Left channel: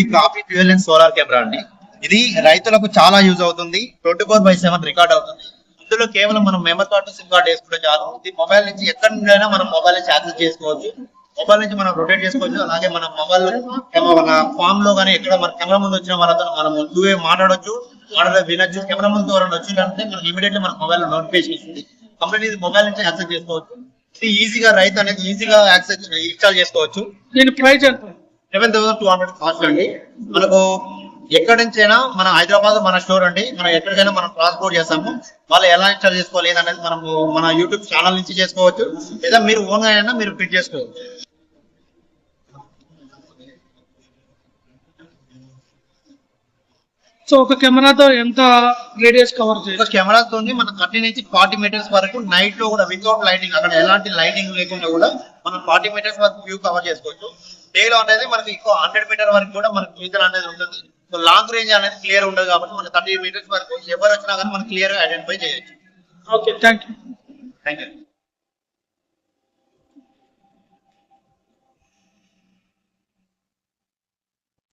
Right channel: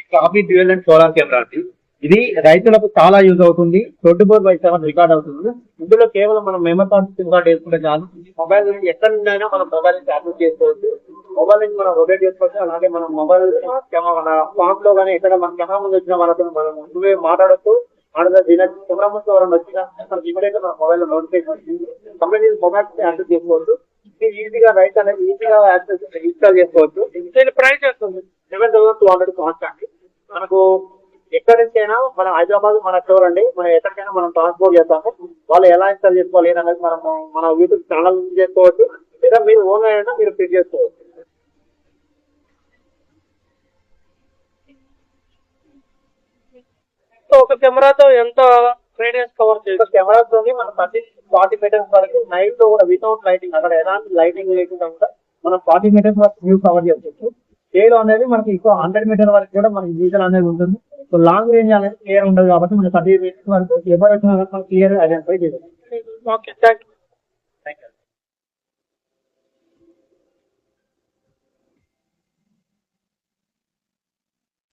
ఇది coffee dual and solar camera అండి. ఇది రైతులకు చాలా యూజ్ అవుతుంది. 24/7 రికార్డ్ అవుతుంది. ఇందులో కేవలం మనం మెమరీ కార్డు, సిమ్ కార్డు వేసుకుంటే చాలు. ఇది మొబైల్ నుంచి ఎక్కడి నుండి మనం మొబైల్ నుంచి యాక్సెస్ చేసుకోవచ్చు. మొబైల్ నుంచి మనం రొటేట్ చేసుకోవచ్చు. అలాగే మన మొబైల్ మన ఫామ్ లో కానీ ఎక్కడ మన కెమెరా ముందు వచ్చిన వాళ్ళతో మనం ముందుగా మాట్లాడొచ్చు, వినొచ్చు. కెమెరా ముందు ఎవరైనా వచ్చిందంటే మనకి ఇమీడియట్లీ మన మొబైల్ లో నోటిఫికేషన్ వస్తుంది. కంప్లీట్ ఇది మొబైల్ నుంచి యాక్సెస్ చేసుకోవచ్చు. ఇది ఈజీగా రైతు అనేది ఈజీగా యాక్సెస్ ఇన్స్టాల్ చేసుకోవచ్చు. దీని ప్రైస్ ఎంత? 7,200 కాస్ట్ అండి. మనకు ఎక్కడి నుంచి అయినా మన హైదరాబాద్ మన స్టోర్ అండి. మనం ఎక్కడికైనా మనం ట్రాన్స్పోర్ట్ చేస్తాము. వాళ్ళు ఎలా ఇన్స్టాల్ చేసుకోవాలి ఏదనేది మనం మన యూట్యూబ్ ఛానల్ నుంచి చేసుకోవచ్చు, లేదా మీరు ఓన్ గా అయినా మీరు ఫిట్ చేసుకోవచ్చు. సో ఒక కెమెరాతో ఎంత రేడియస్ కవర్ చేయొచ్చు? ఒక కెమెరాతో మన 30 నుంచి 40 మీటర్స్ వరకు నైట్ లో కూడా వితౌట్ లైటింగ్, అక్కడ ఎలాంటి లైటింగ్ లేకుండా కూడా మనం 40 మీటర్స్ వరకు వ్యూ కవర్ చేసుకోవచ్చు. డే లో అనేది మనకి ఇంకో 100 మీటర్ వరకు కూడా మనకి విజువల్ అనేది ఉంటుంది. లాంగ్ రేంజ్ అనేది క్లియర్ ఉండదు కాబట్టి మనకి 30 మీటర్స్ వరకు ఎవరు వచ్చినా కానీ మనం క్లియర్ గా ఐడెంటిఫై చేయొచ్చు. Okay, thank you. Thank you.